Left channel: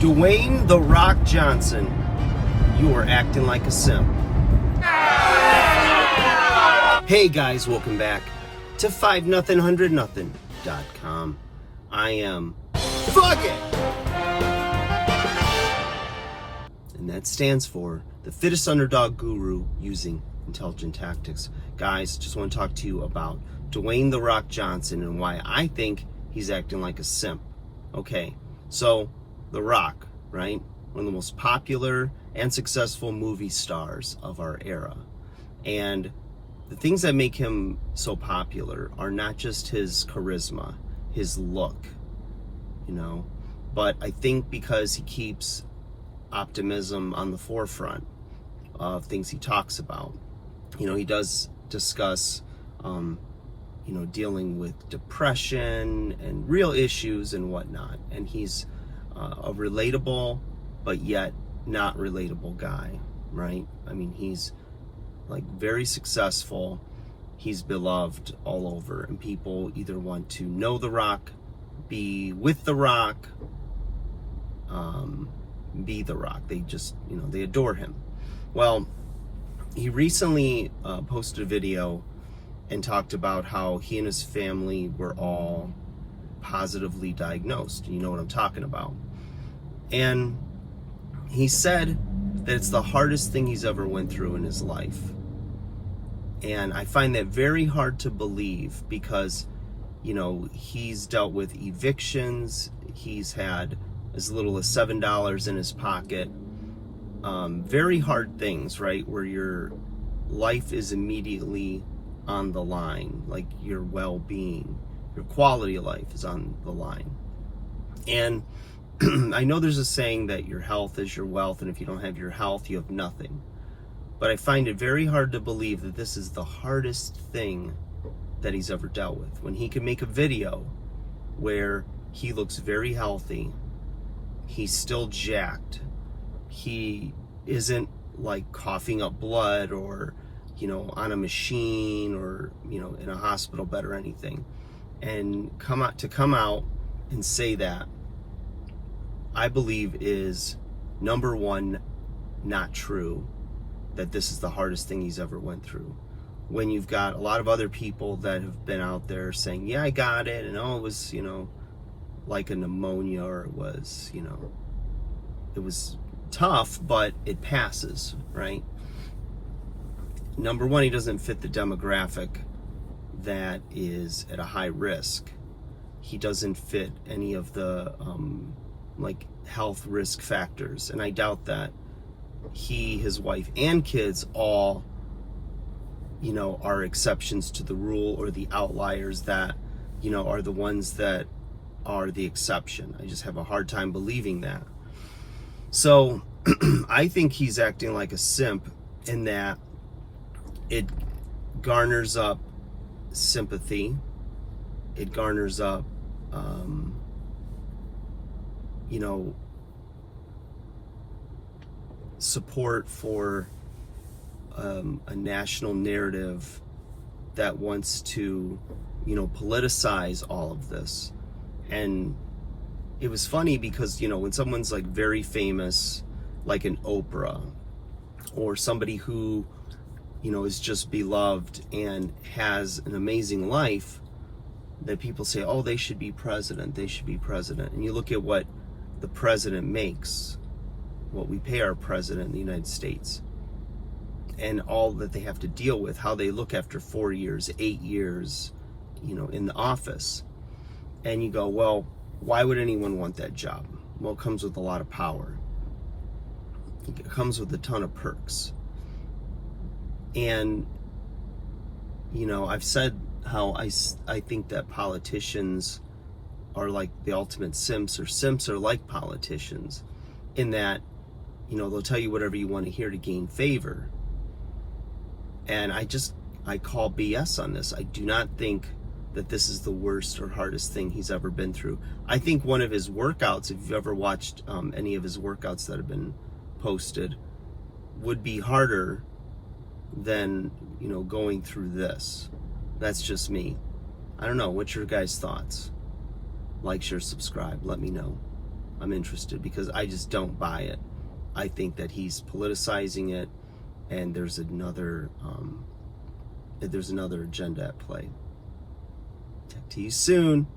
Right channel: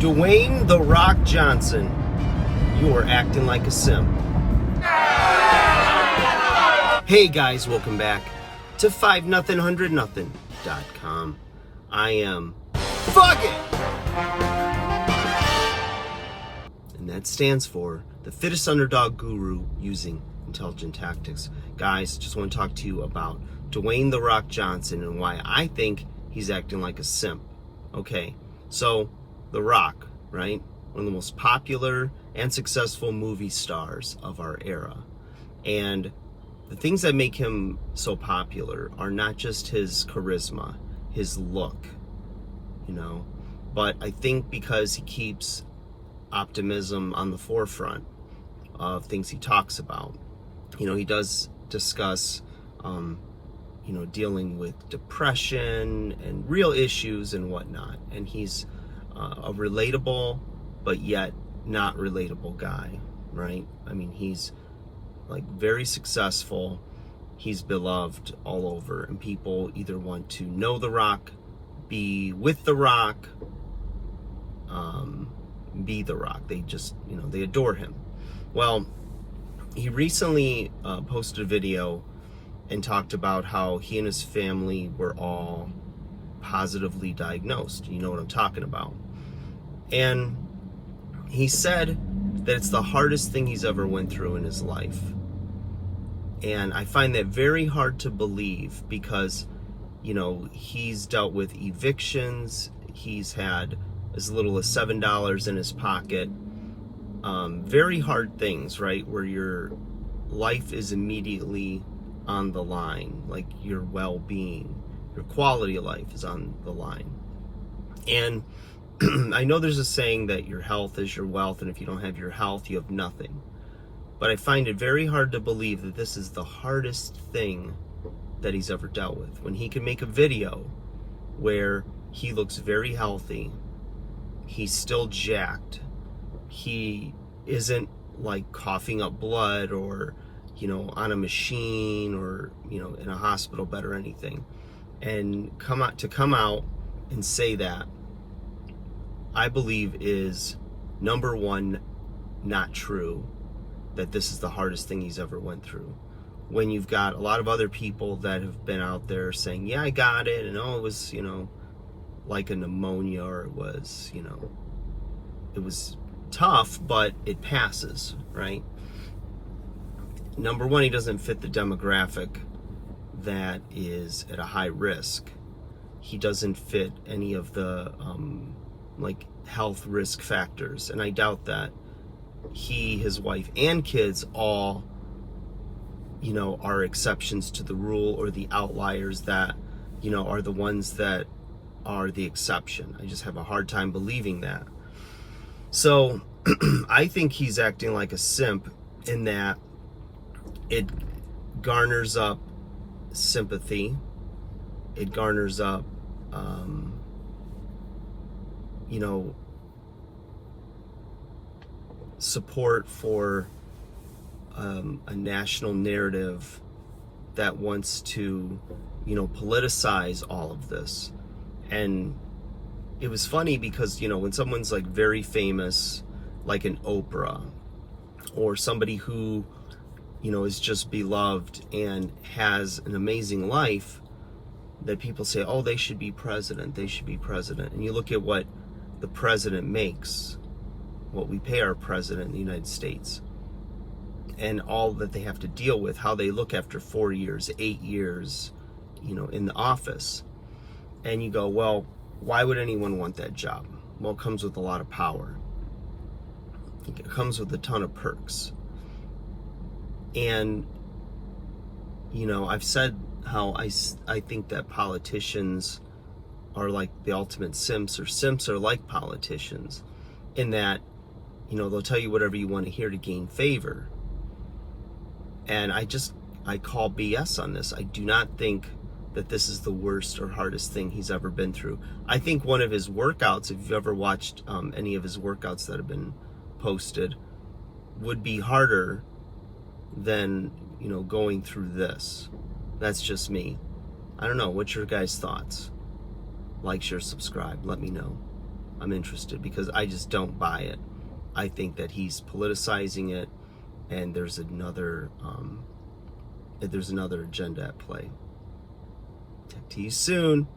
Dwayne The Rock Johnson, you are acting like a simp. Hey guys, welcome back to 5nothing100nothing.com. I am Fuck It! And that stands for the fittest underdog guru using intelligent tactics. Guys, just want to talk to you about Dwayne The Rock Johnson and why I think he's acting like a simp. Okay, so The Rock, right? One of the most popular and successful movie stars of our era. And the things that make him so popular are not just his charisma, his look, but I think because he keeps optimism on the forefront of things he talks about. He does discuss, dealing with depression and real issues and whatnot. And he's a relatable, but yet not relatable guy, right? I mean, he's like very successful. He's beloved all over, and people either want to know The Rock, be with The Rock, be The Rock. They just, they adore him. Well, he recently posted a video and talked about how he and his family were all positively diagnosed. You know what I'm talking about. And he said that it's the hardest thing he's ever went through in his life. And I find that very hard to believe because, he's dealt with evictions. He's had as little as $7 in his pocket. Very hard things, right? Where your life is immediately on the line, like your well-being, your quality of life is on the line. And I know there's a saying that your health is your wealth, and if you don't have your health, you have nothing. But I find it very hard to believe that this is the hardest thing that he's ever dealt with. When he can make a video where he looks very healthy, he's still jacked, he isn't like coughing up blood or on a machine or in a hospital bed or anything, and come out and say that, I believe is, number one, not true, that this is the hardest thing he's ever went through. When you've got a lot of other people that have been out there saying, yeah, I got it, and it was, like a pneumonia, or it was, it was tough, but it passes, right? Number one, he doesn't fit the demographic that is at a high risk. He doesn't fit any of the health risk factors, and I doubt that he, his wife, and kids all, are exceptions to the rule, or the outliers that, are the ones that are the exception. I just have a hard time believing that. So I think he's acting like a simp in that it garners up sympathy. It garners up, support for a national narrative that wants to, politicize all of this. And it was funny because, when someone's like very famous, like an Oprah, or somebody who, is just beloved and has an amazing life, that people say, oh, they should be president, they should be president. And you look at what the president makes, what we pay our president in the United States, and all that they have to deal with, how they look after 4 years, 8 years, in the office. And you go, well, why would anyone want that job? Well, it comes with a lot of power. It comes with a ton of perks. And, I've said how I think that politicians are like the ultimate simps, or simps are like politicians, in that, they'll tell you whatever you want to hear to gain favor. And I call BS on this. I do not think that this is the worst or hardest thing he's ever been through. I think one of his workouts, if you've ever watched any of his workouts that have been posted, would be harder than, going through this. That's just me. I don't know. What's your guys' thoughts? Like, share, subscribe. Let me know. I'm interested, because I just don't buy it. I think that he's politicizing it, and there's another agenda at play. Talk to you soon.